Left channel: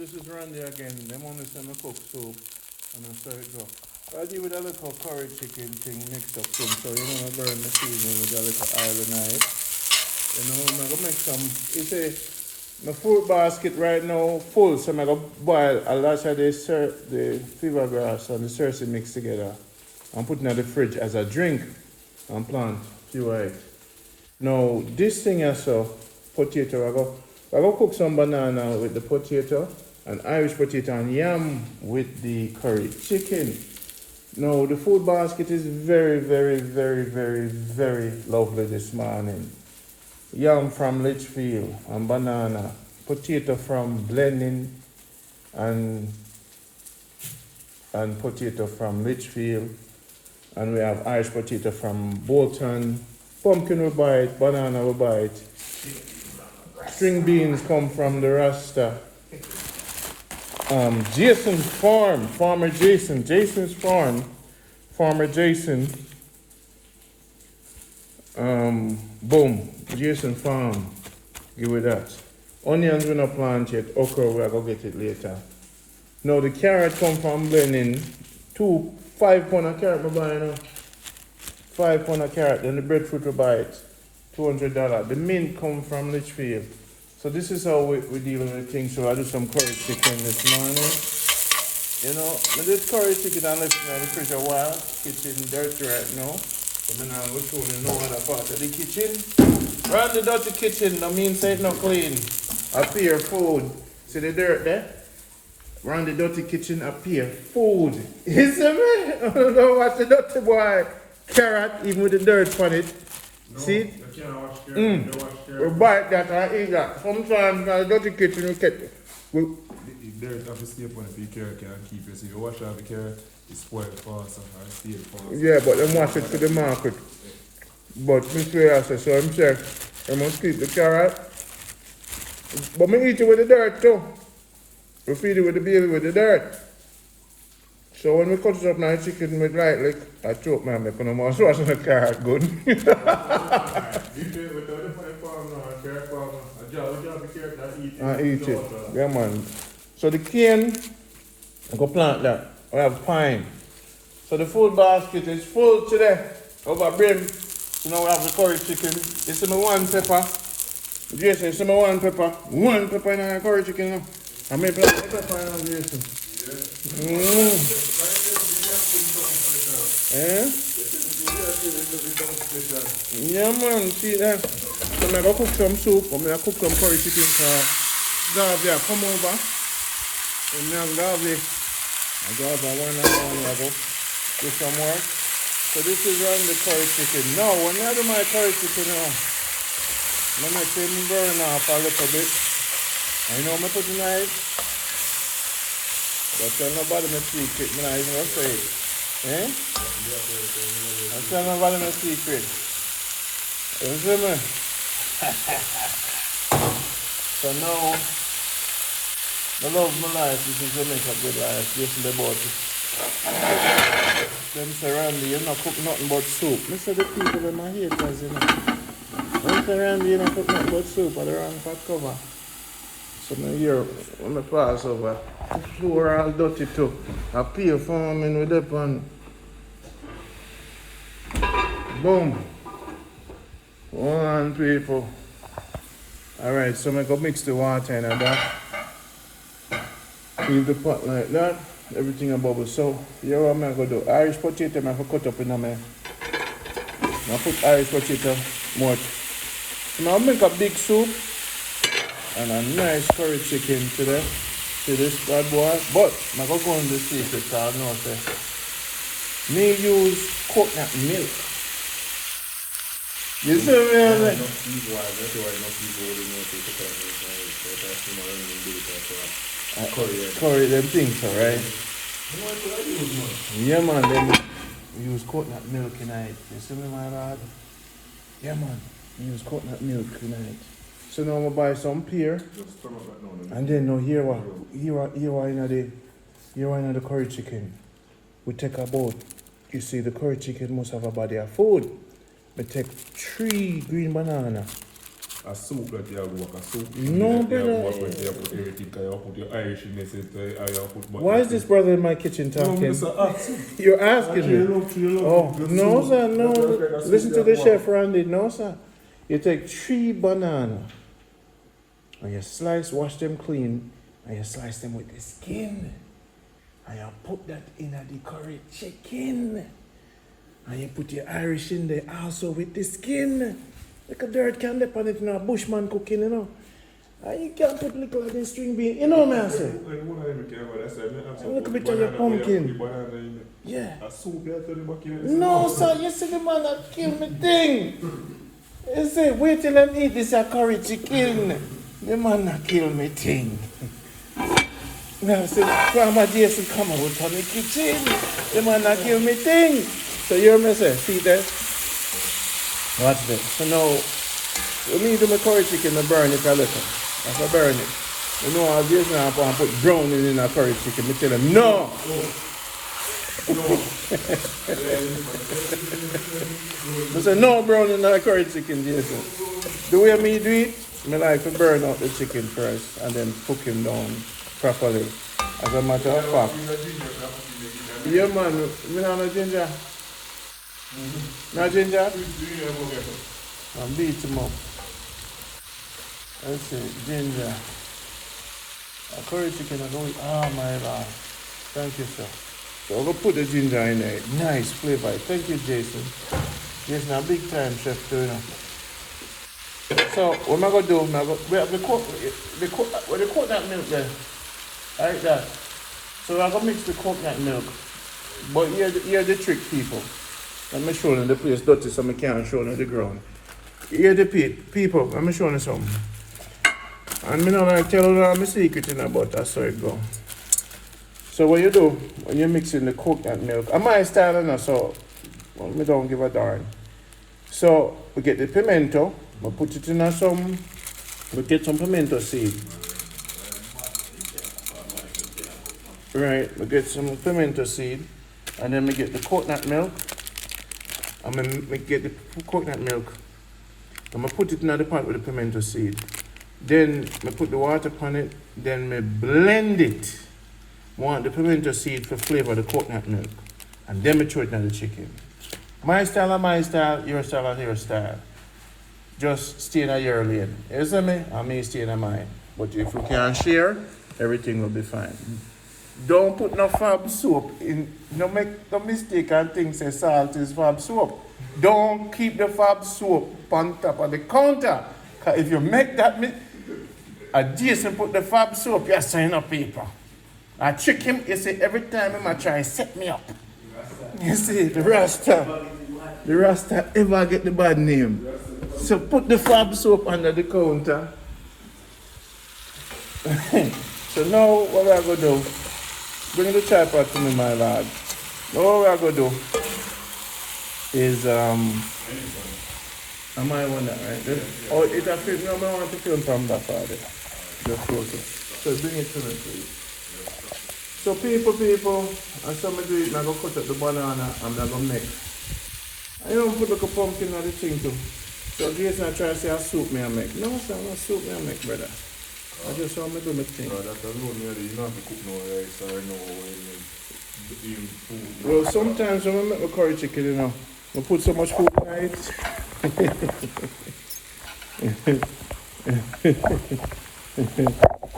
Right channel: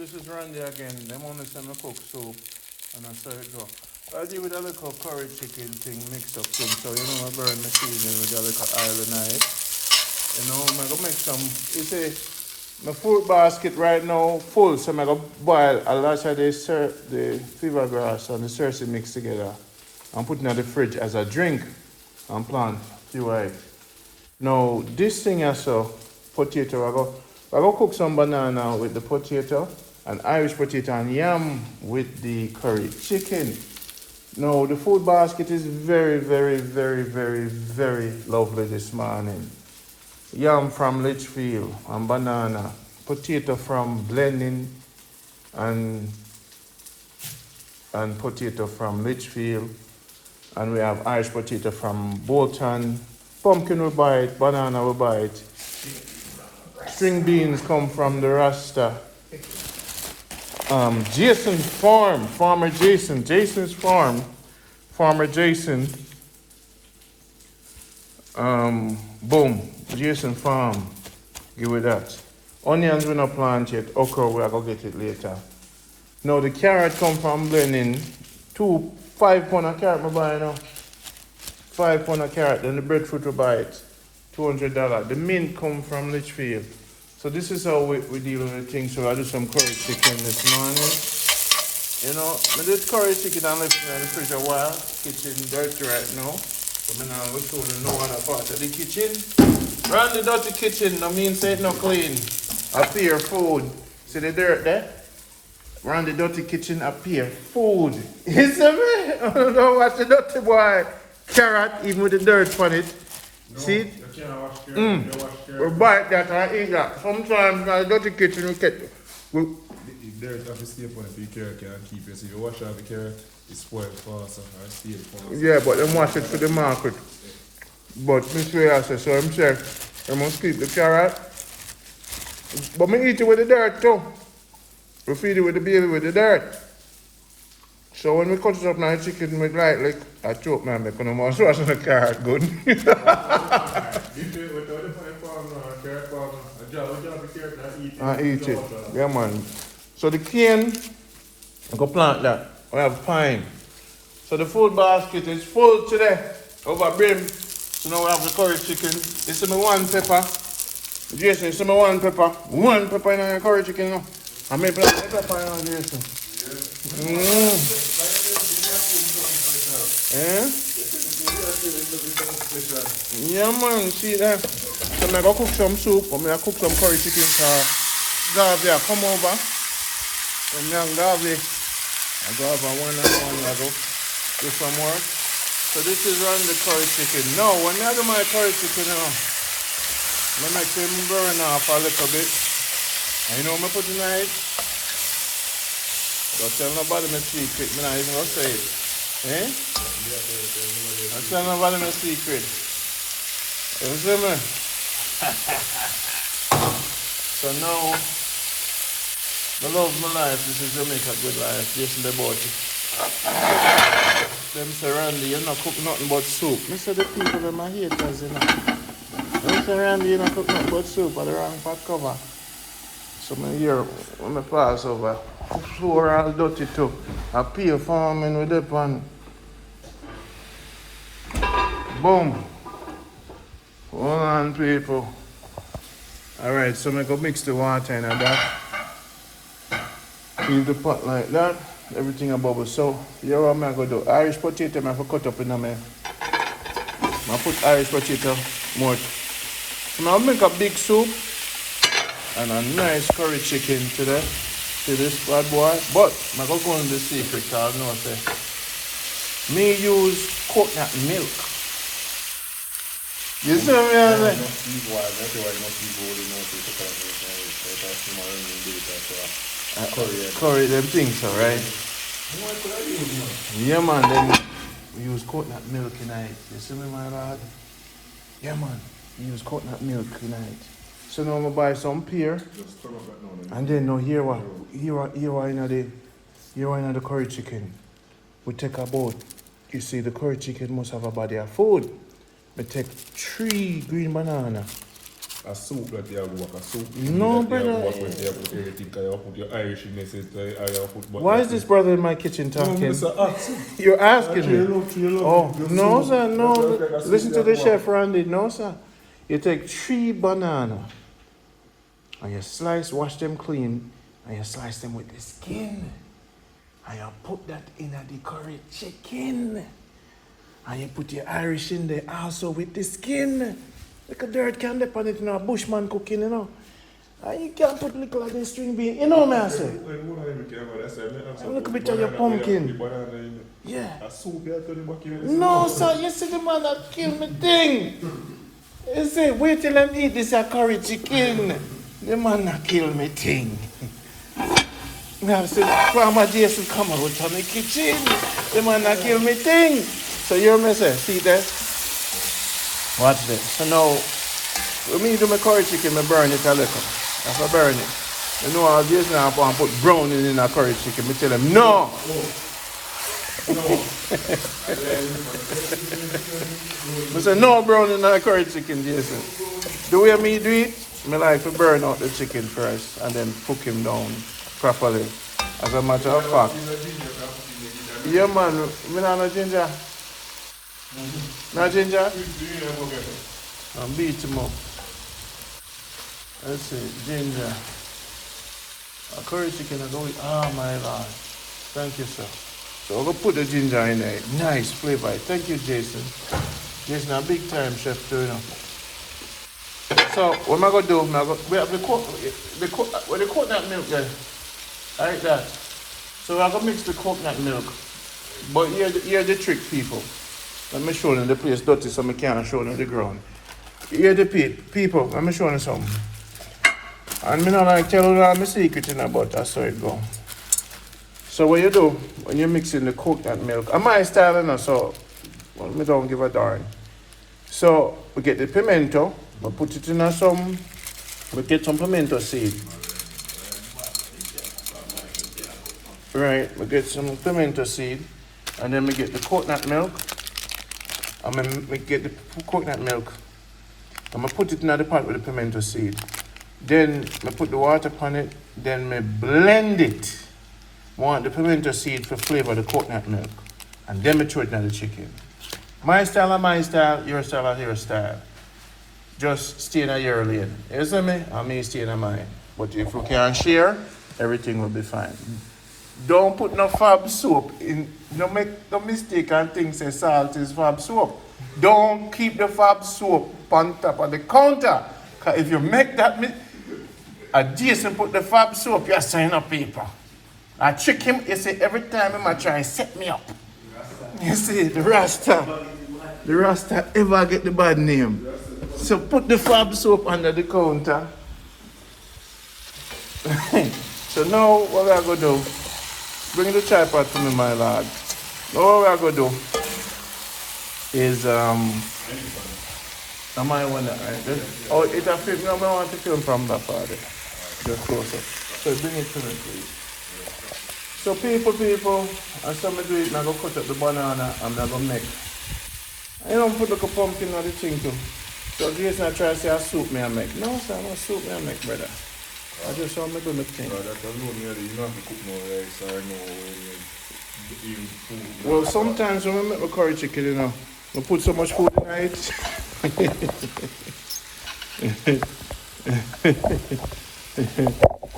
This is Rundie again. Them only send me cook soup and I serve it go. I do with a little curry chicken thing mixed up thing, so you know I burn the seasoning with a little oil and knife. You know, I'm gonna make some. You see, my food basket right now full, so I'm gonna boil a lot of the fever grass and the cersei mix together and put it in the fridge as a drink and plant a few eggs. Now this thing also potato, I go cook some banana with the potato and Irish potato and yam with the curry chicken. Now the food basket is very, very, very, very, very lovely this morning. Yam from Litchfield and banana, potato from Blenheim and potato from Litchfield, and we have Irish potato from Bolton, pumpkin we buy it, banana we buy it. String beans come from the Rasta. Jason's farm, Farmer Jason, Jason's farm, Farmer Jason. Boom, Jason farm, give it that. Onions we not plant yet, okra we are gonna get it later. Now the carrot come from Blenheim, 5 pound of carrot we buy now. 5 pound of carrot, then the breadfruit we buy it, $200. The mint come from Litchfield. So this is how we deal with things. So I do some curry chicken this morning. You know, we did curry chicken and left it in the fridge a while. Kitchen dirty right now. So then I was told no other part of the kitchen. Around the dirty kitchen, no means say it not clean. Appear food. See the dirt there? Around the dirty kitchen appear food. You see me? I don't know what's the dirty boy. Carrot, even with the dirt on it. No, see it? You can't wash carrot. We buy that and eat that. Sometimes in the dirty kitchen we get The dirt has to stay upon it, the carrot can't keep it. So if you wash out the carrot, it's spoiled faster or stale faster. yeah, but them wash it for the market. But this way I say, so I'm saying, I must keep the carrot. But me eat it with the dirt too. We feed it with the baby with the dirt. So when we cut it up now, chicken with like I choke man, because I'm also washing the carrot good. I eat it. Yeah man. So the cane, I go plant that. We have pine. So the food basket is full today. Over brim. So now I have the curry chicken. You see me one pepper. Jason, you see me one pepper. One pepper in the curry chicken now. I make pepper in the Jason. Yeah man, see that? So I'm gonna cook some soup, I'm gonna cook some curry chicken for Garvey, come over. And young Garvey, I go over one level, get some more. So this is on the curry chicken. No, when you have my curry chicken now, I'm gonna turn my burn off a little bit. You know what I'm putting in it? Don't tell nobody my secret, man. I even say it. Eh? Don't tell nobody my secret. You see me? So now, the love of my life, this is Jamaica good life. Jason the bought it. Them say, Rondie, you're not cooking nothing but soup. Me say the people in my haters, you know. Them say, Rondie, you're not cooking nothing but soup, or the wrong pot cover. So I'm here, when I pass over, floor all dirty too. I pay farming with that one. Boom. Hold on, people. Alright, so I'm gonna mix the water in that. Leave the pot like that. Everything a bubble. So, here what I'm gonna do. Irish potato, I'm gonna cut up in a man. I'm gonna put Irish potato more. I'm gonna make a big soup. And a nice curry chicken today, to this bad boy. But I'm going to go in the secret, I know this. Me use coconut milk. You see what I mean? Curry them things, alright? Yeah man, then we use coconut milk tonight. You see me, my lad? Yeah man, we use coconut milk tonight. So now I'm gonna buy some pear, and then now here in the curry chicken. We take about, you see the curry chicken must have a body of food. We take 3 green banana, a soup that you have to work, a soup. No, that you brother. have to work with, you have to put everything, you have to put your Irishness in it, you have to put... Why is this brother in my kitchen No, talking? Mr. Ask. You're asking me. Oh, The no, soup. sir, no. That's like a soup Listen to you the have to chef, Rondie. No, sir. You take 3 bananas and you slice, wash them clean, and you slice them with the skin. And you put that in the curry chicken. And you put your Irish in there also with the skin. Like a dirt can dip on it, you know, a bushman cooking, you know. And you can't put little of the string bean, you know what I say? Look a bit of your pumpkin. Yeah. A soup you have to back in it. No, sir, you see the man that killed me thing. You say, wait till them eat this a curry chicken. The man that kill me thing. Now, see, Farmer Jason come out to the kitchen. The man that kill me thing. So you hear me say, see that? Watch this. So now, when me do my curry chicken, I burn it a little. If I burn it, you know all this now, I put browning in a curry chicken. I tell them, no! I say, no browning in a curry chicken, Jason. The way me do it, I like to burn out the chicken first and then cook him down properly. As a matter of fact. Yeah, man, me not no ginger. No ginger? And beat him up. Let's see, ginger. A curry chicken, oh my God. Thank you, sir. So we'll put the ginger in there. Nice flavor. Thank you, Jason. Jason, a big time chef too, you know. So what am I gonna do? We have the coconut milk there. Like that. So I'm gonna mix the coconut milk. But here's the trick, people. Let me show you the place dirty so I can't show you the ground. Here's the people, let me show you something. And me not like tell you all my secret in about that, so it go. So what you do when you mix in the coconut milk, and my style you know, so well, me don't give a darn. So we get the pimento, we put it in we get some pimento seed. Right, we get some pimento seed, and then we get the coconut milk. And then we get the coconut milk. And I put it in the pot with the pimento seed. Then I put the water upon it, then I blend it. I want the pimento seed to flavor the coconut milk. And then I throw it in the chicken. My style and my style, your style and your style. Just stay in your lane. You see me? And me stay in mine. But if you can share, everything will be fine. Don't put no fab soap in. Don't make no mistake and think say salt is fab soap. Don't keep the fab soap on top of the counter. Cause if you make that Jason put the fab soap, you sign a paper. I trick him, you say every time he might try and set me up. You see, the Rasta ever get the bad name. So put the fab soap under the counter. So now what I'm gonna do, bring the chai pot to me, my lad. All I'm gonna do is I might want that right. Oh, it's a film. No, I want to film from that part. Just closer. So bring it to me, please. So people, and some do it, I'm going to cut up the banana and I'm going to make. I don't put like a pumpkin on the thing too. So Jason, I try to say a soup me I make. No, sir, no soup me I make, brother. I just want me to do my thing. That's alone, you don't have to cook no rice or no eating food. Well, sometimes when we make a curry chicken, you know, we put so much food in it.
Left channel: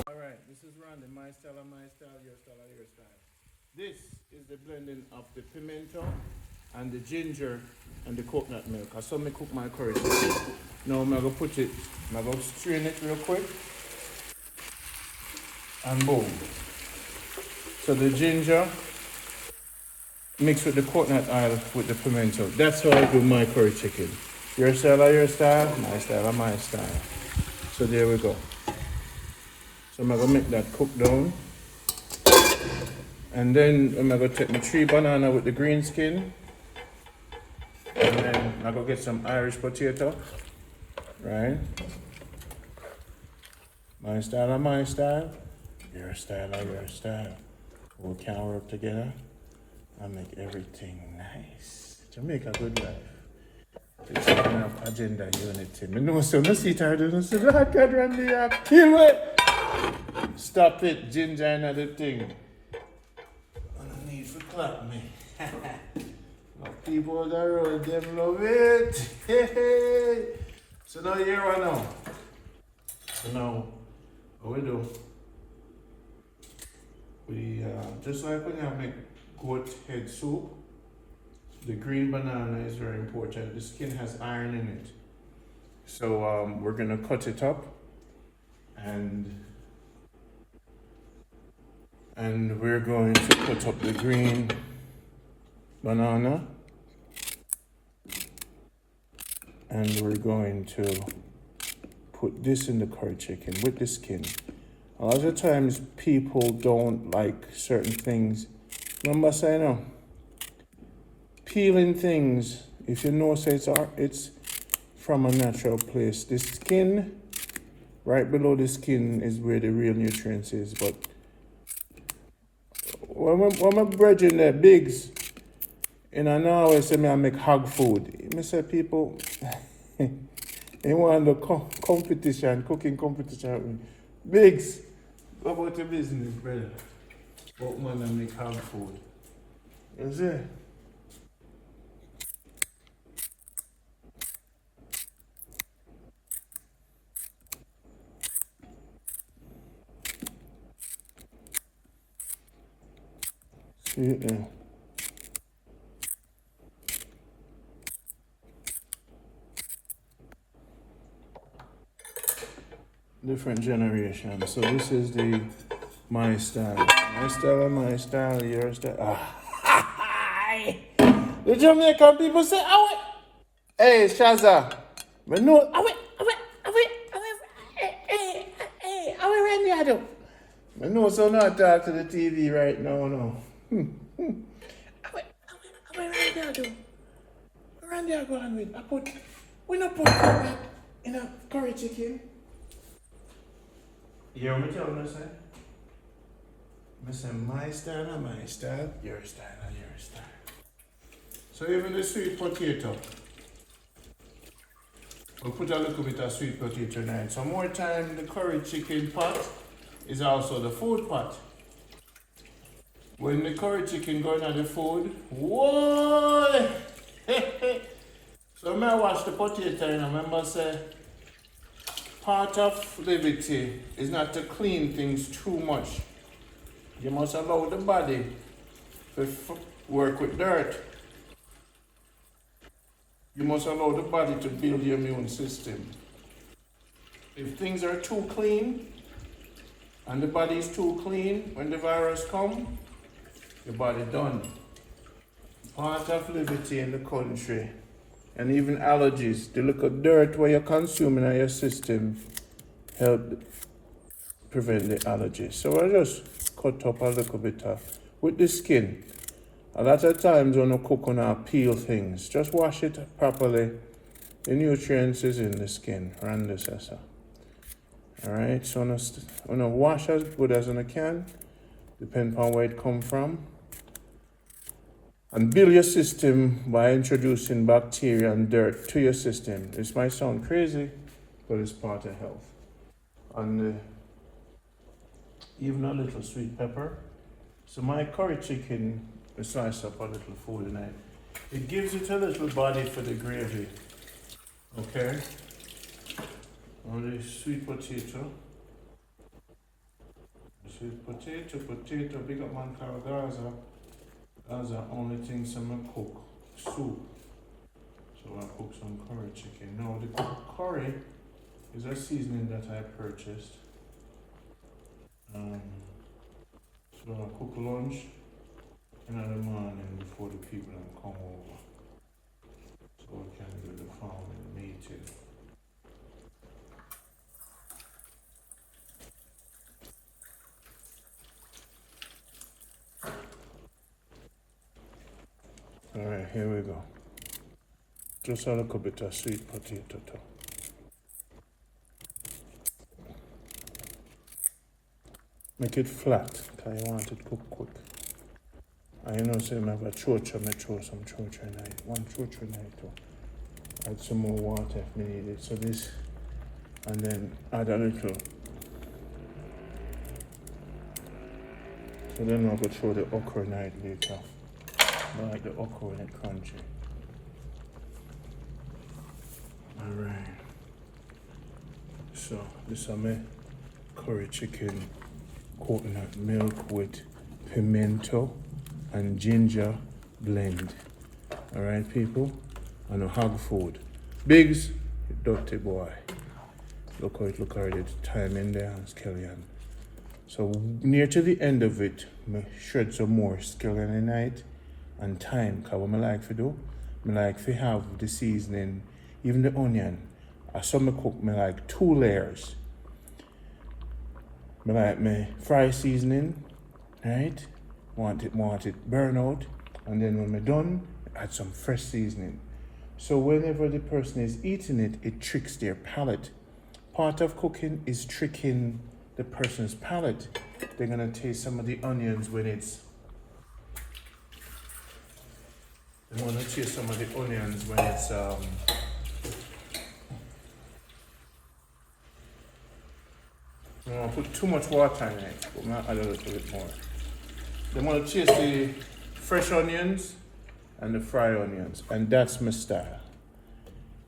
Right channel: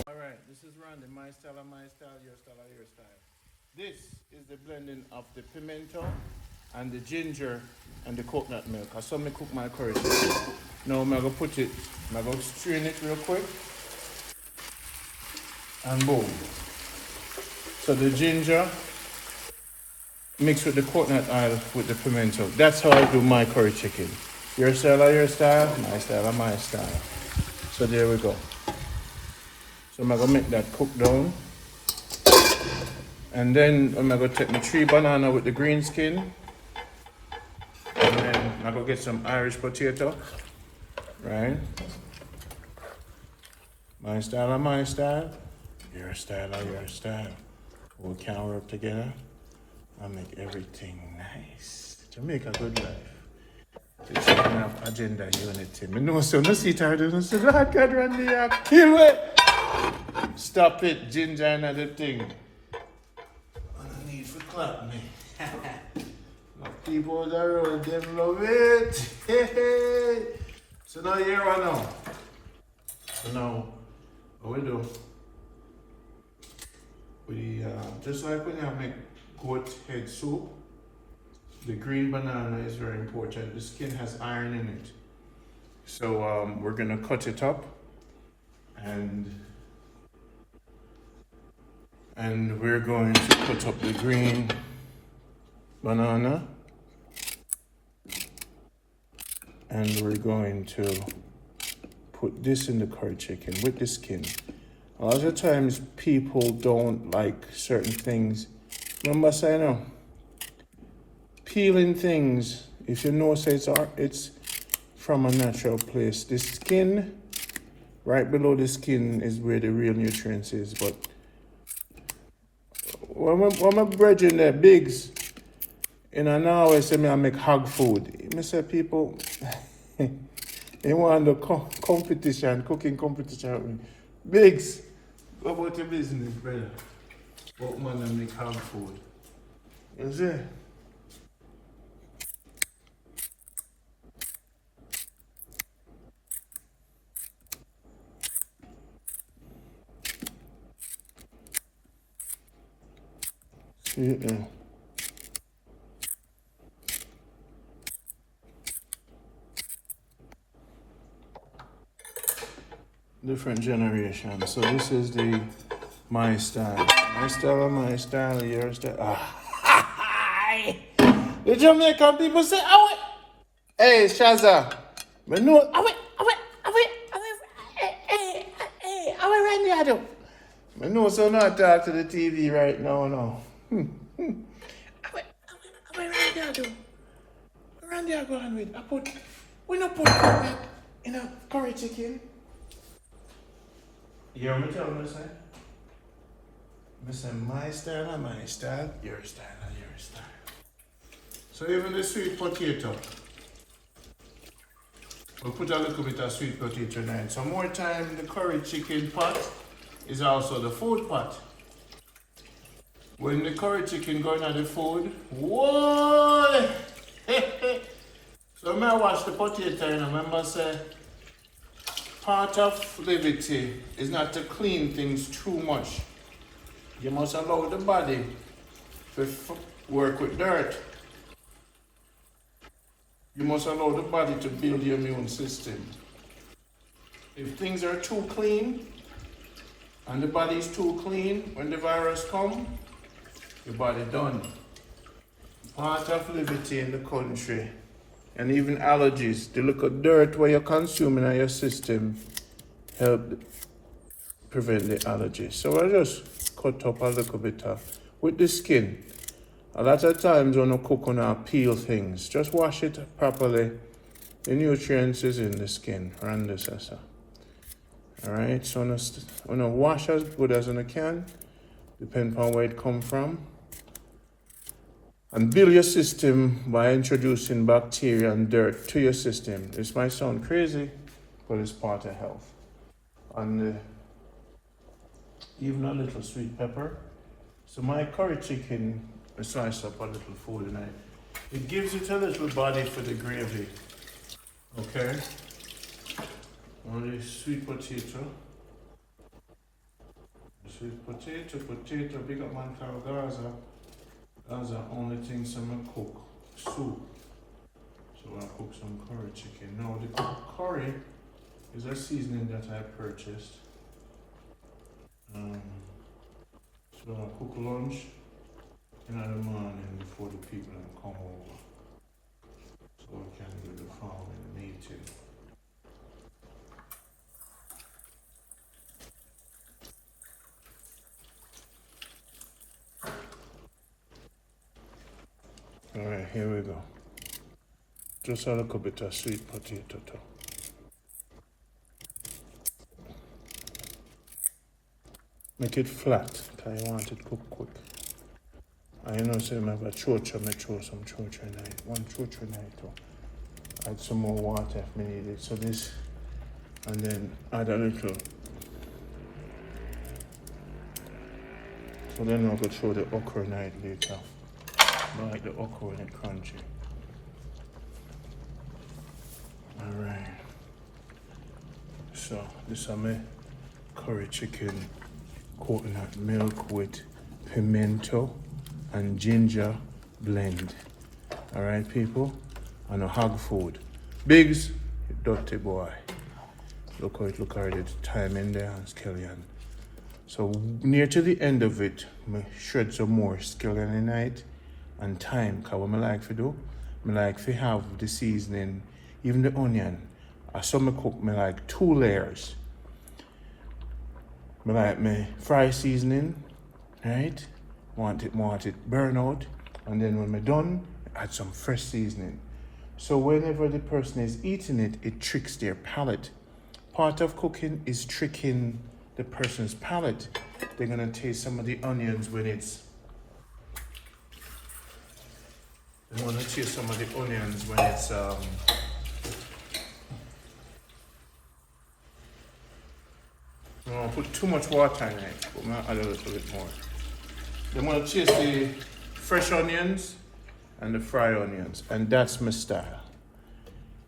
Alright, this is Rondie, my style and my style, your style and your style. This is the blending of the pimento and the ginger and the coconut milk. I saw me cook my curry chicken. Now I'm going to put it, I'm going to strain it real quick. And boom. So the ginger mixed with the coconut oil with the pimento. That's how I do my curry chicken. Your style or your style, my style or my style. So there we go. So I'm going to make that cook down. And then I'm going to take my 3 banana with the green skin. And then I'm going to get some Irish potato. Right? My style or my style. Your style or your style. We'll cower up together and make everything nice. Jamaica good life. It's kind of agenda unity. I know so no see tired and say, Lord God, Rundie, kill it. Stop it, ginger, another thing. I need to clap me. People that run them love it. Hey. So now here or now. So now, what we do? We just like when you make goat head soup, the green banana is very important. The skin has iron in it. So we're gonna cut it up and we're going to put up the green banana and we're going to put this in the curry chicken with the skin. A lot of times people don't like certain things. Remember saying no? Peeling things, if you know say it's from a natural place. The skin, right below the skin is where the real nutrients is. But when my brethren there, Biggs, and I now always say I make hog food. I say people, they want the competition, cooking competition. Biggs, what about your business, brother? What man I make hog food? Is it? See it there. Different generation. So this is my style. My style and my style, your style. The Jamaican people say, hey, Shaza. But no, Rundie, I do. I know, so not talk to the TV right now, no. Rundie, I go on with. We not put curry in a curry chicken. You hear me tell me, say? I say, my style and my style, your style and your style. So even the sweet potato. We'll put a little bit of sweet potato in it. So more time, the curry chicken pot is also the food pot. When the curry chicken going on the food, whoa! So when I wash the potato, and I remember say, part of levity is not to clean things too much. You must allow the body to work with dirt. You must allow the body to build the immune system. If things are too clean, and the body is too clean, when the virus comes, the body done. Part of levity in the country, and even allergies, the look of dirt where you're consuming in your system help prevent the allergies. So we'll just cut up a little bit with the skin. A lot of times when you cook and peel things, just wash it properly. The nutrients is in the skin, around this. Alright, so I'm gonna wash as good as I can, depending on where it come from. And build your system by introducing bacteria and dirt to your system. This might sound crazy, but it's part of health. And even a little sweet pepper. So my curry chicken, I slice up a little food in it. It gives it a little body for the gravy. Okay? Only sweet potato. Sweet potato, big up man called Gaza. That's the only thing I'm cook. Soup. So I cook some curry chicken. Now the curry is a seasoning that I purchased. So I cook lunch in the morning before the people come over. So I can get the family meeting. Alright, here we go. Just a little bit of sweet potato too. Make it flat, because you want it cook quick. I know say I have a chocha, I throw some chocha in it. One chocha in it too. Add some more water if we need it. So this, and then add a little. So then I'll go throw the okra night later. I like the okra when it's crunchy. Alright. So this is my curry chicken coconut milk with pimento and ginger blend. Alright people, and a hog food. Biggs, you dirty boy. Look how it look already, the time in there and scallion. So near to the end of it, I shred some more scallion in it and thyme, because what I like to do, I like to have the seasoning, even the onion. As some I cook, I like 2 layers. I like my fry seasoning, right? Want it burn out, and then when I'm done, I add some fresh seasoning. So whenever the person is eating it, it tricks their palate. Part of cooking is tricking the person's palate. They're gonna taste some of the onions when it's. They wanna taste some of the onions when it's I don't want to put too much water in it, but I'm gonna add a little bit more. They wanna taste the fresh onions and the fried onions, and that's my style.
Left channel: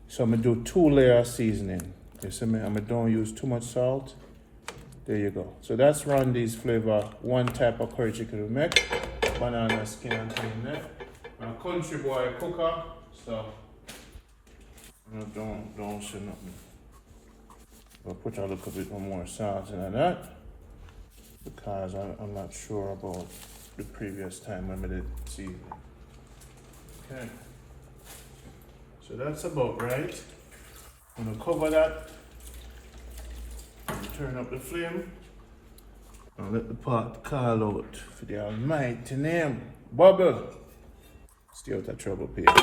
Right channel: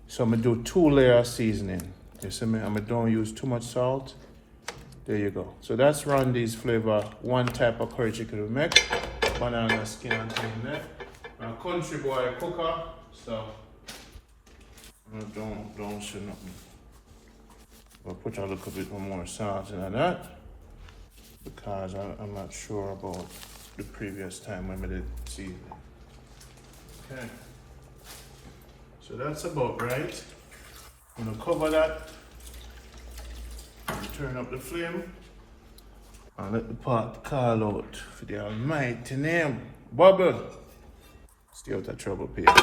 So I'm gonna do 2 layer seasoning. You see me? I don't use too much salt. There you go. So that's Rondie's flavor. One type of curry chicken we make. Banana skin and thing there. I'm a country boy cooker, so don't say nothing. We'll put a little bit more salt in that because I'm not sure about the previous time when we did season. Okay. So that's about right. I'm gonna cover that. Turn up the flame and let the pot call out for the almighty name. Bubble. Stay out of trouble, people.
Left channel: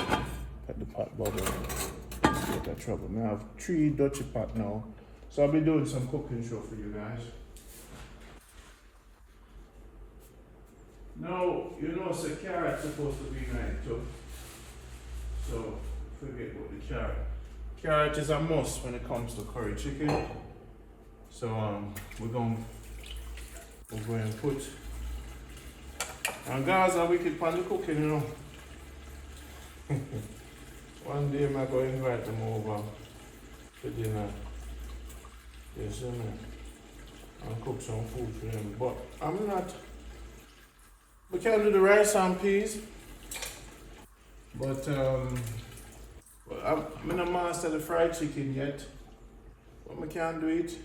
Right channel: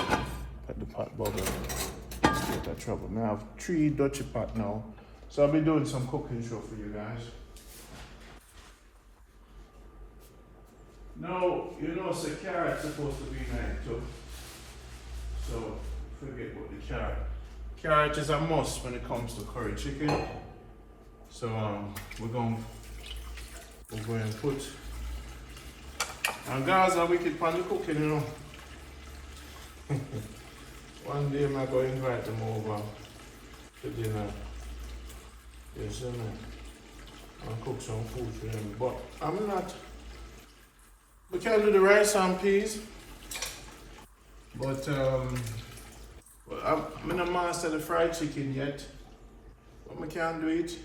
Let the pot bubble. Stay out of trouble. Now I have 3 Dutchy pot now. So I'll be doing some cooking show for you guys. Now, you know, so carrot's supposed to be nice too. So forget about the carrot. Carrot is a must when it comes to curry chicken. So we're going to put. Now guys are wicked for the cooking, you know. One day I'm going to invite them over for dinner. Yes, I'll cook some food for them. But I'm not. We can do the rice and peas. But I'm not master the fried chicken yet. But I can't do it.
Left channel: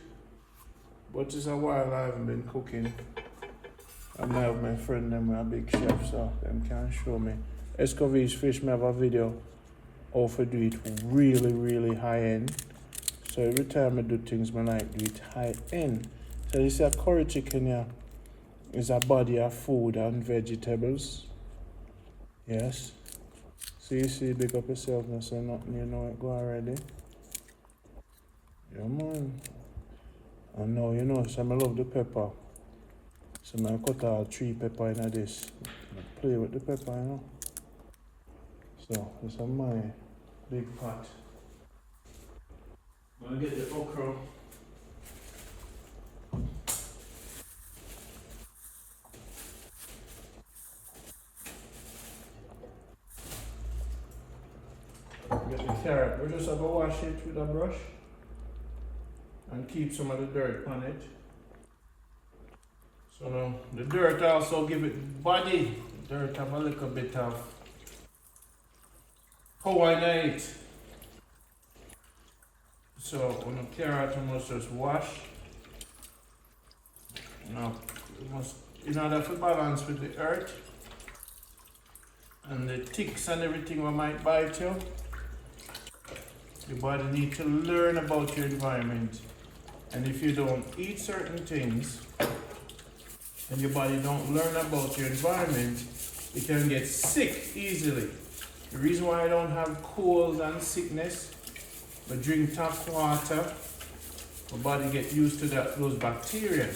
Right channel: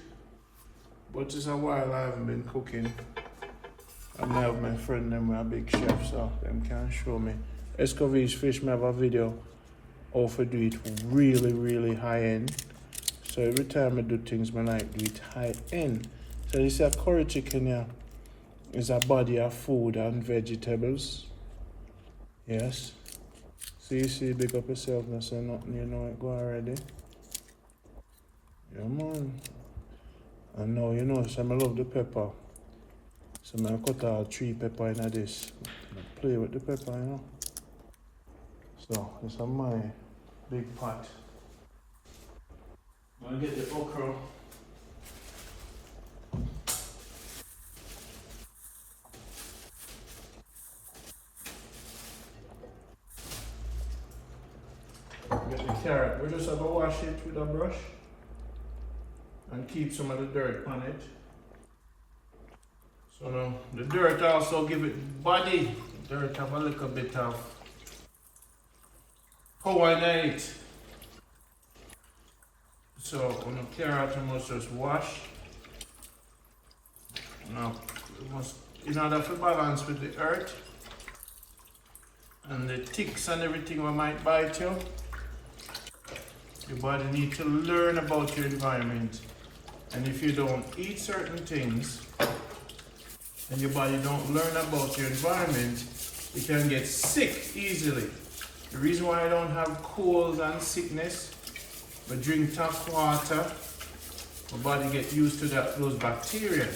But it's a while I haven't been cooking. I have my friend them a big chef, so them can show me. Escovitch fish, me have a video how to do it really high end. So every time I do things, I like do it high end. So you see a curry chicken here is a body of food and vegetables. Yes. So you see, big up yourself now, so nothing, you know it go already. Yeah man. And now you know, so I love the pepper. So I cut all 3 pepper in this. I play with the pepper, you know. So this is my big pot. I'll get the okra. Get the carrot. We just have to wash it with a brush and keep some of the dirt on it. So the dirt also give it body. The dirt have a little bit of power in it. So when the carrot, you must just wash. Now, in order to balance with the earth and the ticks and everything that might bite you, your body needs to learn about your environment. And if you don't eat certain things and your body don't learn about your environment, you can get sick easily. The reason why I don't have colds and sickness, but drink tap water, my body get used to those bacteria.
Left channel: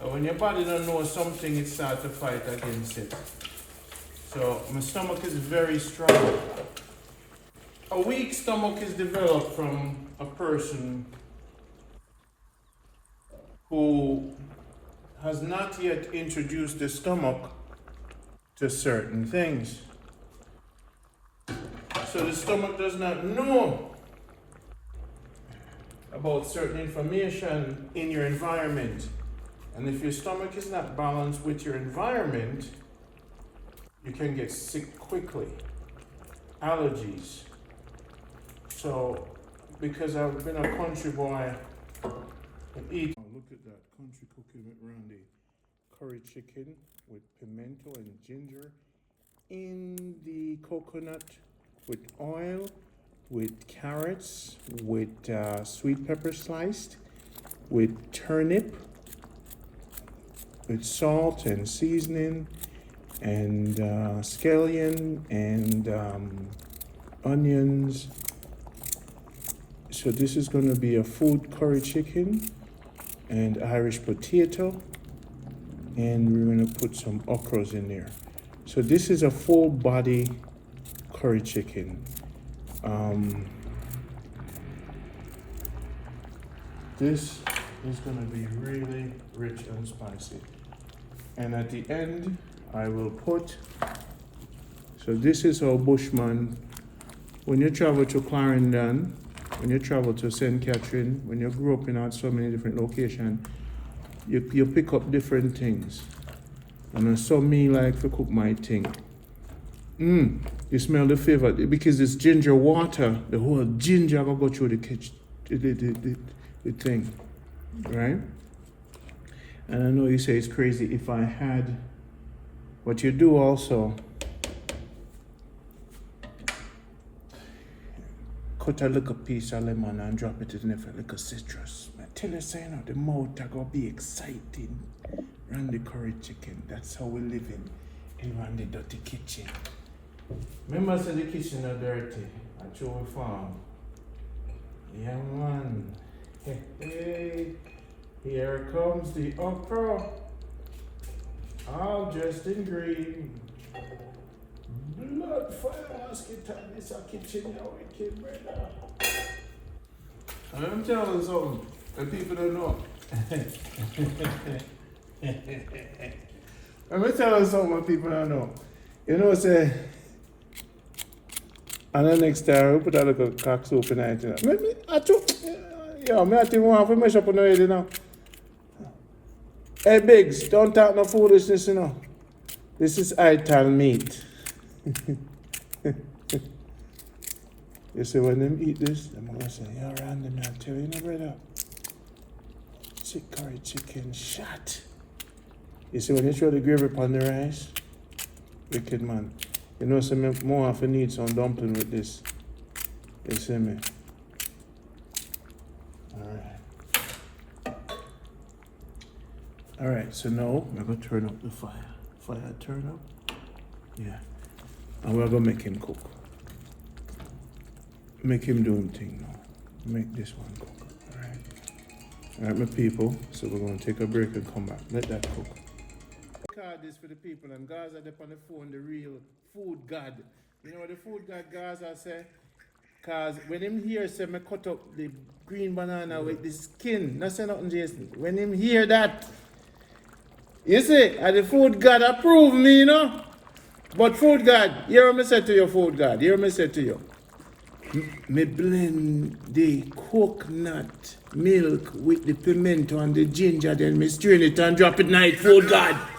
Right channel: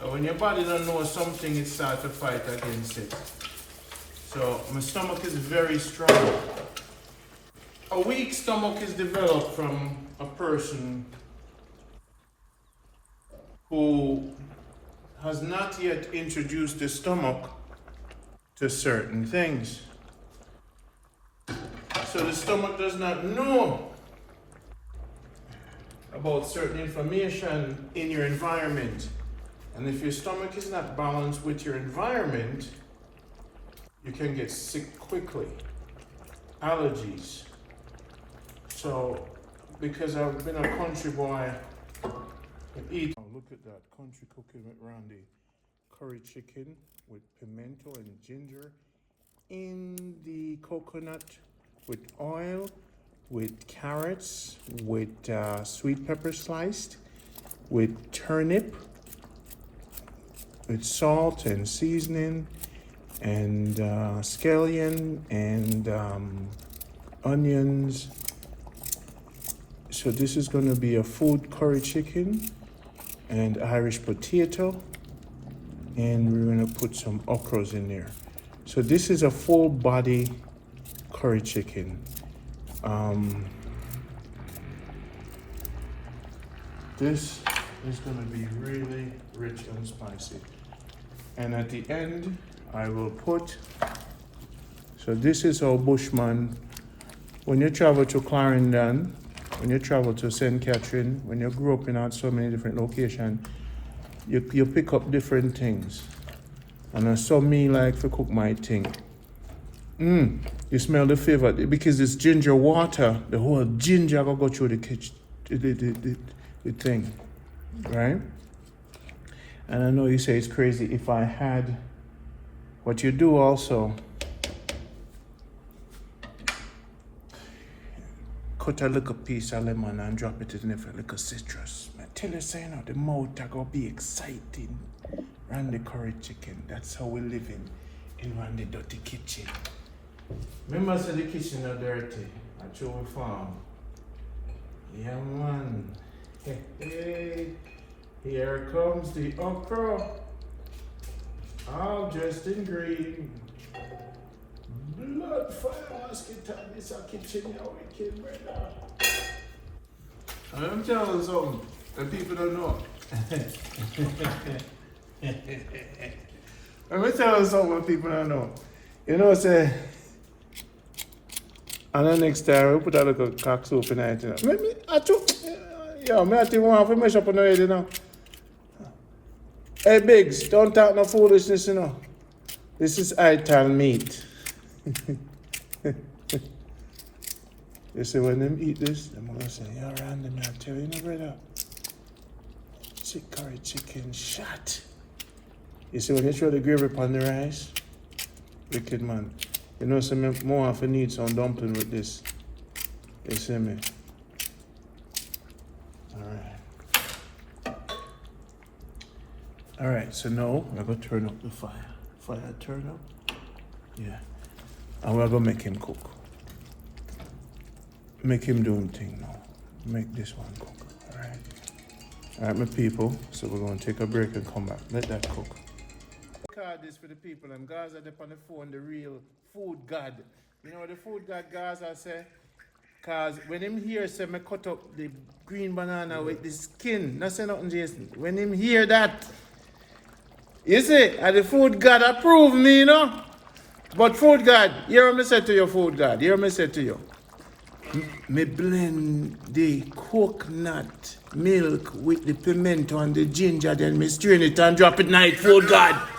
So when your body don't know something, it starts to fight against it. So my stomach is very strong. A weak stomach is developed from a person who has not yet introduced the stomach to certain things. So the stomach does not know about certain information in your environment. And if your stomach is not balanced with your environment, you can get sick quickly. Allergies. So, because I've been a country boy, I eat. Oh, look at that, country cooking with Rondie. Curry chicken with pimento and ginger in the coconut with oil, with carrots, with sweet pepper sliced, with turnip, with salt and seasoning, and scallion and onions. So this is going to be a food curry chicken and Irish potato, and we're going to put some okras in there. So this is a full body curry chicken. This is going to be really rich and spicy. And at the end, I will put, so this is our Bushman. When you travel to Clarendon, when you travel to St. Catherine, when you grew up in so many different locations, you pick up different things. And I saw me like to cook my thing. You smell the flavor, because it's ginger water, the whole ginger will go through the kitchen, the thing, right? And I know you say it's crazy. If I had, what you do also, cut a little piece of lemon and drop it in a little citrus. I tell you, say, the mouth are gonna be exciting. Rondie curry chicken, that's how we live in Rondie dirty kitchen. Remember, I said the kitchen is dirty. That's how we farm. Yeah, man. Hey, here comes the okra. All dressed in green. Blood fire mosquito. This is our kitchen now. We came right now. Let me tell you something that people don't know. Let me tell you something that people don't know. You know, say, and the next time we put a little cock soup in it, you know. I think we have to mesh up on the head, you know. Hey, Biggs, don't talk no foolishness, you know. This is ital meat. You see, when them eat this, they're going to say, you're random, I tell you, no, brother. Curry chicken shot. You see, when you throw the gravy upon the rice, wicked man. You know, so more often need some dumpling with this. You see me? Alright, so now I'm going to turn up the fire. Fire turn up. Yeah. And we're going to make him cook. Make him do him thing now. Make this one cook. Alright. Alright, my people. So we're going to take a break and come back. Let that cook. Card this for the people, and Gaza up on the phone, the real food god. You know what the food god Gaza say? Cause when him hear say me cut up the green banana with the skin, not say nothing, Jason. When him hear that, you see, and the food god approve me, you know. But food god, hear me say to you, food god, hear me say to you. Me blend the coconut milk with the pimento and the ginger, then me strain it and drop it night, food god.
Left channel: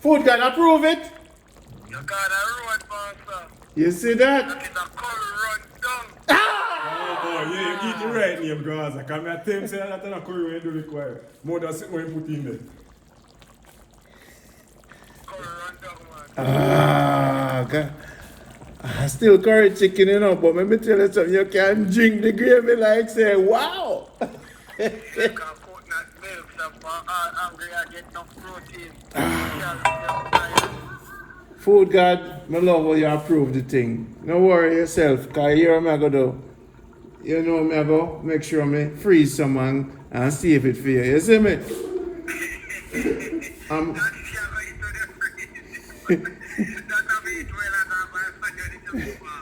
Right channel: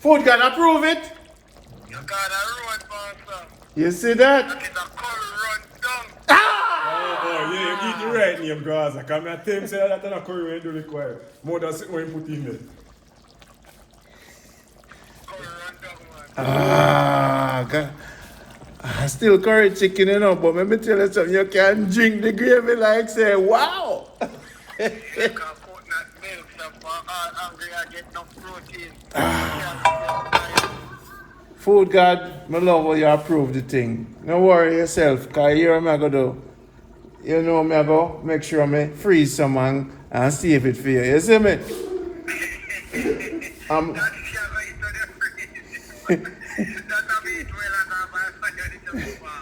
Food god approve it? You got a road, boss. You see that? That is a curry run down. Oh, yeah, you get the right name, guys. I can't tell him say that a curry when you do require. More than something when you put in there. Curry run down, man. God. Still curry chicken, you know, but let me tell you something, you can drink the gravy like say, wow! You can coconut milk, I'm hungry, I get no protein. Food God, my love how you approve the thing. Don't worry yourself, because here I'm going to do. You know I'm going to make sure I freeze someone and save it for you. You see me?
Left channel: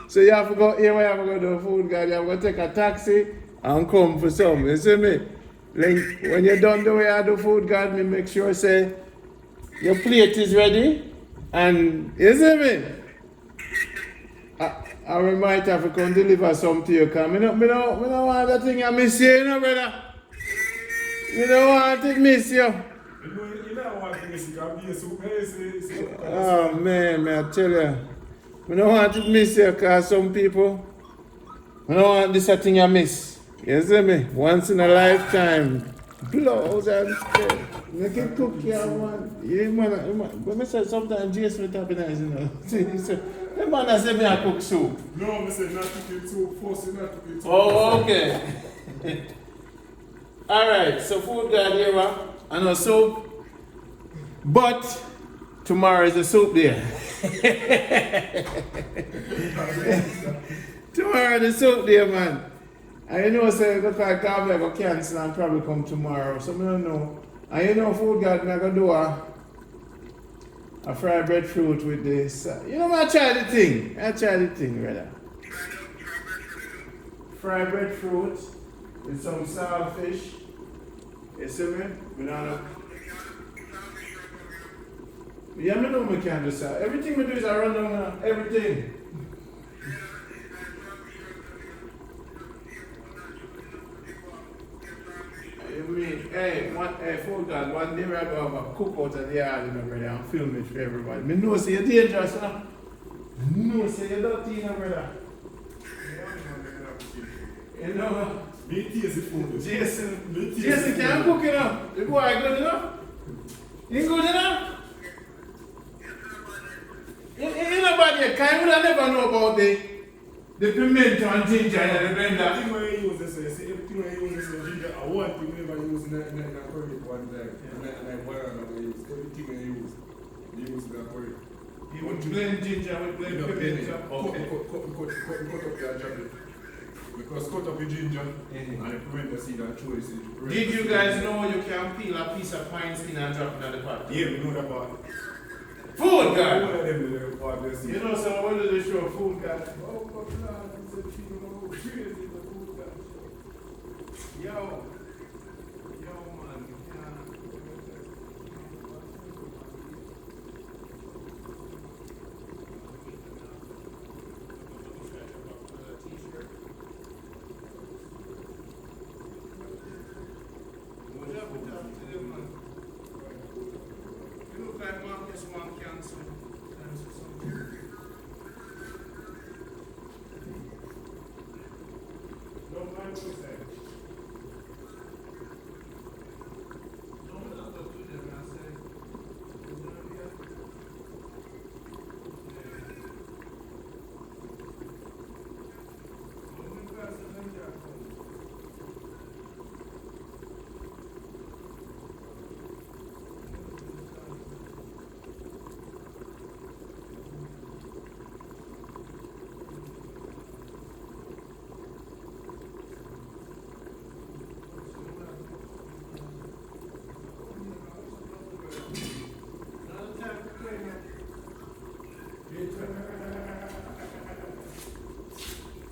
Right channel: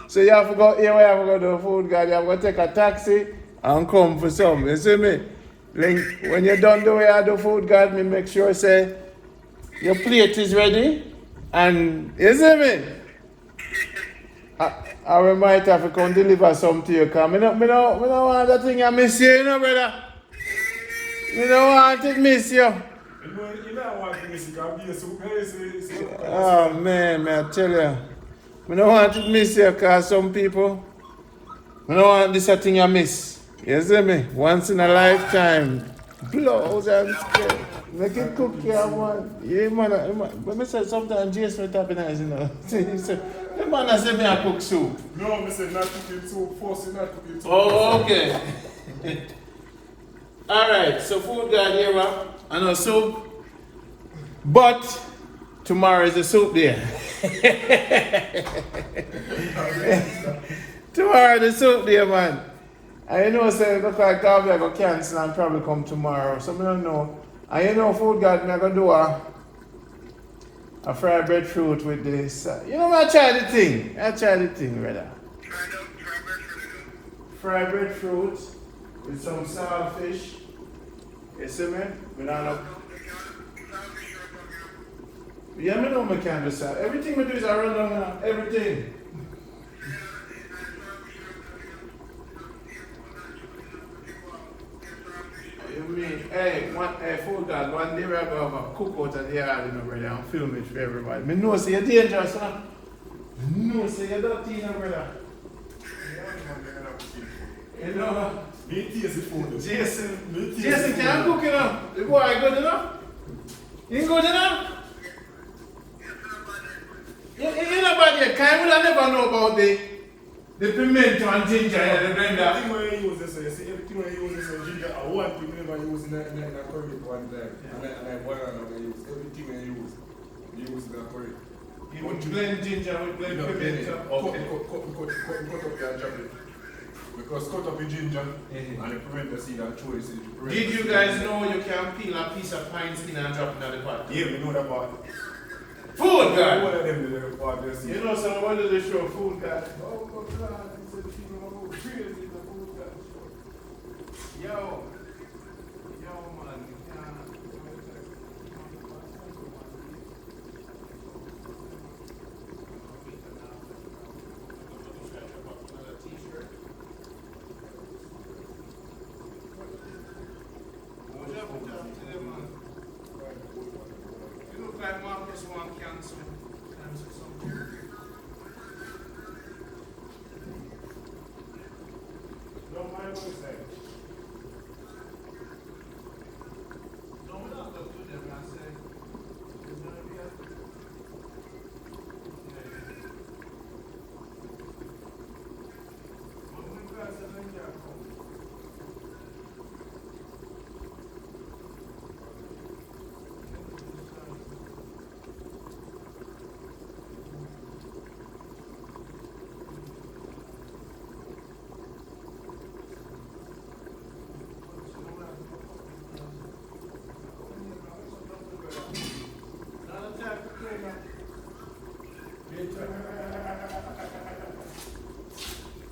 So you have to go here where you have to go to the food guard, you have to take a taxi and come for some, you see me? When you're done the way I do food guard, me make sure say your plate is ready and you see me? I might have to come deliver some to you because me don't want that thing I miss you, brother. Me don't want to miss you. You don't want to miss it because Oh man, I tell you. I don't want to miss you because some people, I don't want this thing you miss. You see me? Once in a lifetime. Blows and skin. Make it cook your man. Yeah, man. But I said sometimes Jason will happen as you know. He said, the man has said me I cook soup. no, I said not cooking soup, forcing not cooking soup. Oh, okay. Alright, so food guy here and a soup. But tomorrow is the soup day. Tomorrow the soup day, man. I know say look like I'm going to cancel and probably come tomorrow. So I don't know. And you know food guy I'm going to do a fried breadfruit with this. You know I try the thing. Brother. Fried breadfruit with some saltfish. You see me? We don't know. Yeah, I know I can do that. Everything we do is around everything. You mean, food guard, one day we're going to have a cookout at the yard, you know, brother, and film it for everybody. I know, say you're dangerous, huh? I know, say you're dirty, you know, brother. You know, Me taste the food. Jason can't cook, you know. The boy good enough? You good enough? You know about the kind, we never know about the pimento and ginger and the blender. Everything when you use this, you see, everything when you use this ginger, I want to never use in a curry one time. And I want to use everything when you use in a curry. You would blend ginger with blend pimento. Okay. Cut up your jacket. Because cut up your ginger and the pimento seed and throw it. Did you guys know you can peel a piece of pine skin and drop it in the pot? Yeah, we know that part. Food guy! One of them do the part there. You know someone do the show food guy. Oh God, he said people crazy the food guy show. Yo, man, you look like Marcus one cancel something. Don't mind what he said. No, we're not going to do that, man. I say, it's going to be a... When we pass the thing there,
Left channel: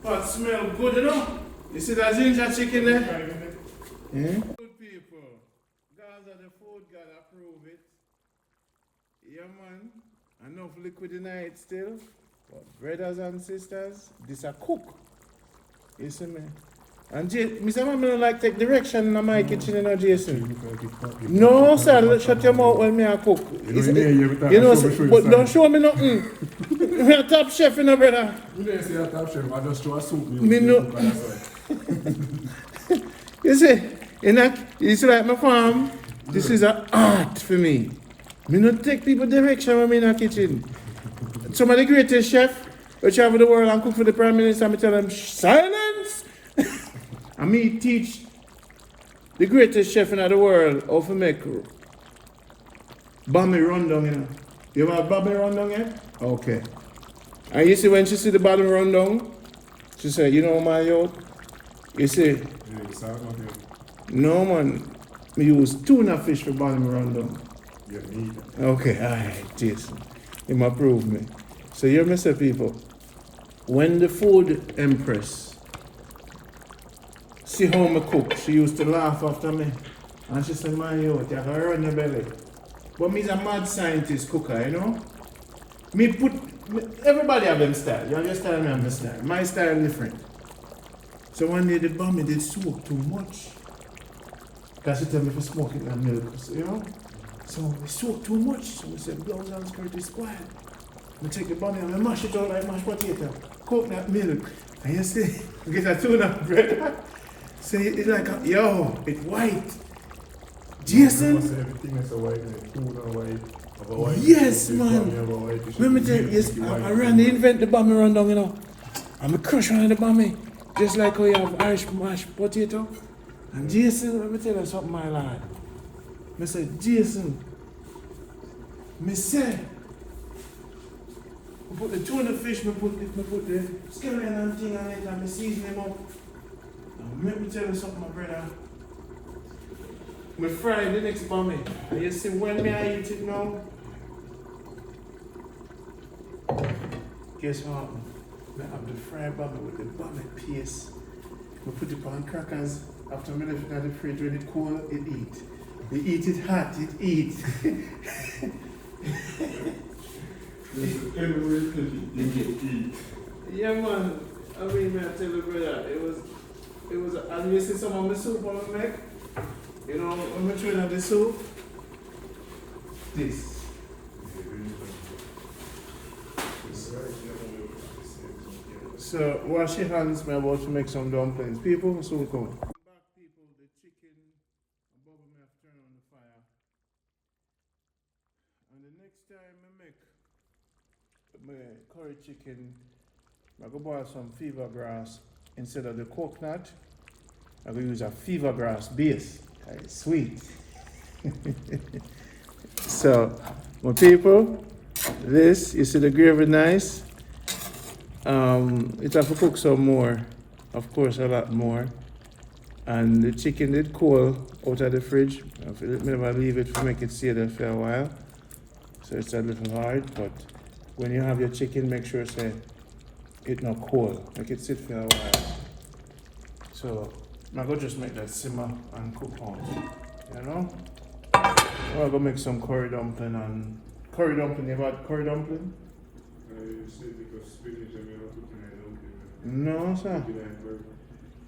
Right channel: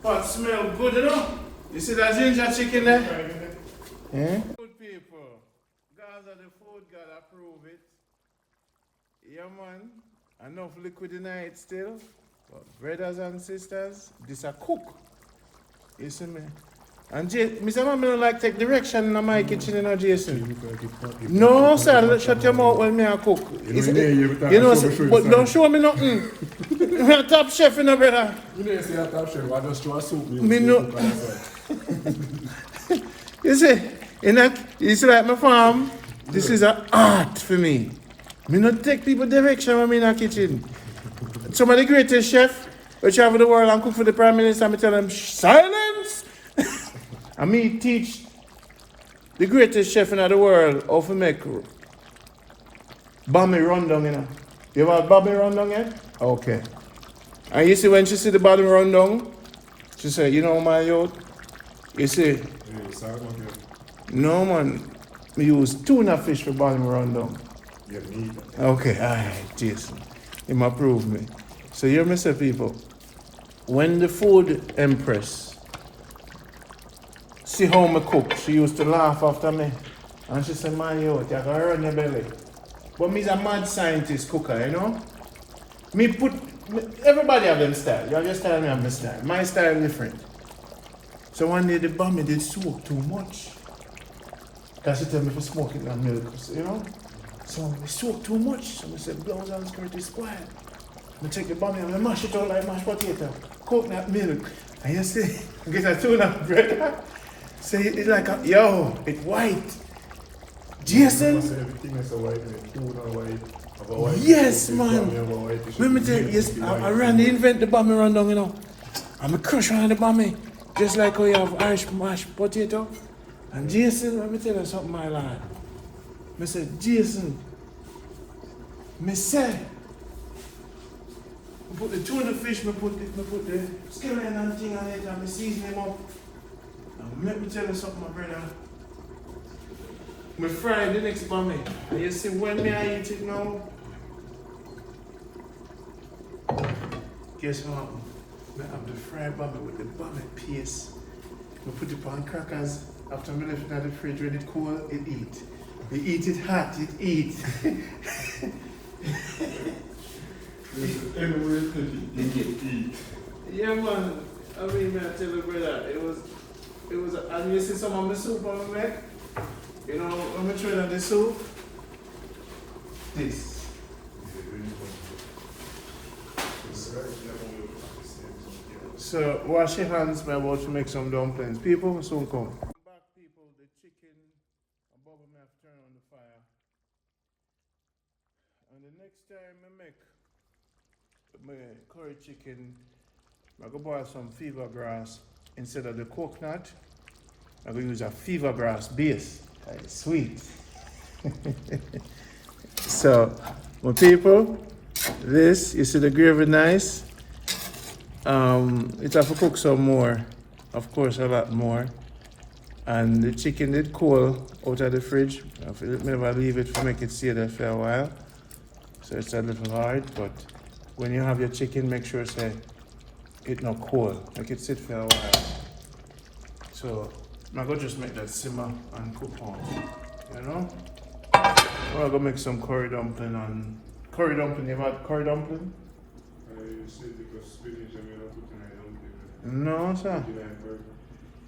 Pot smell good, you know? You see that ginger chicken there? Good people. Guys of the food, God approve it. Yeah, man. Enough liquid in it still. But brothers and sisters, this a cook. You see me? And Mr. Man, I don't like take direction in my kitchen, you know, Jason. No, sir, shut your mouth when me a cook. You know, but don't show me nothing. I'm a top chef, you know, brother. You didn't say a top chef, I just throw a soup. Me no. You see, it's like my farm. This is an art for me. Me not take people direction when I'm in a kitchen. Some of the greatest chef which travel the world and cook for the Prime Minister, I tell them, silence! And me teach the greatest chef in the world how to make bami rundown, you know. You ever had bami rundown yet? Okay. And you see when she see the bami rundown, she say, you know my youth? You see, no man, we use tuna fish for bami rundown. Yeah, me. Okay, alright, Jason. You might prove me. So you say people, when the food empress see how me cook, she used to laugh after me. And she said, man, yo, you gotta run your belly. But me's a mad scientist cooker, you know? Everybody have them style. You understand me have my style. My style different. So one day the bummy did soak too much. Because she tell me to smoke it in the milk, you know? So we soak too much. So we said, blouse and skirt is spoiled. I take the bummy and I mash it out like mashed potato. Coconut milk. And you see, get a tuna bread. So it's like, it's white. Jason? Yes, man. Let me tell you, yes, I ran the invent the bummy run down, you know. I'm a crush around the bummy. Just like how you have Irish mashed potato. And Jason, let me tell you something, my lad. I said, Jason, me say, I put the tuna fish, I put the skeleton and thing on it, and I season them up. And let me tell you something, my brother. I fry the next bummy. And you see, when I eat it now, guess what? I have the fried bummy with the bummy paste. I put it on crackers. After I left it at the fridge, when it cool, it eat. You eat it hot, it eat. Anywhere you could eat. Yeah, man. I mean, I tell you, brother, it was, and you see some of the soup on the neck? You know, I'm going to try the soup. This. So, wash your hands, man. Want to make some dumplings. People will soon come. Back, people, the chicken, above me, have turned on the fire. And the next time I make my curry chicken, I'm going to boil some fever grass instead of the coconut. I'm going to use a fever grass base. It's sweet. So, my people, this, you see the gravy nice. It have to cook some more, of course, a lot more. And the chicken did cool out of the fridge. I never leave it to make it stay there for a while. So it's a little hard, but when you have your chicken, make sure say it not cold. Make it sit for a while. So I'm gonna just make that simmer and cook out. You know? I'm gonna make some curry dumpling and curry dumpling. You have curry dumpling? No, sir.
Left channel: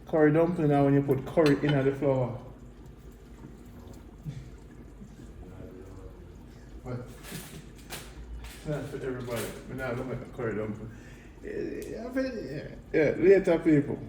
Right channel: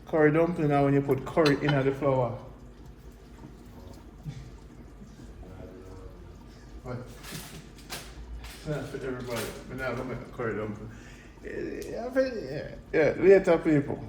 Curry dumpling now when you put curry in the flour. What? That's for everybody. We're not going to make a curry dumpling. Yeah, later people.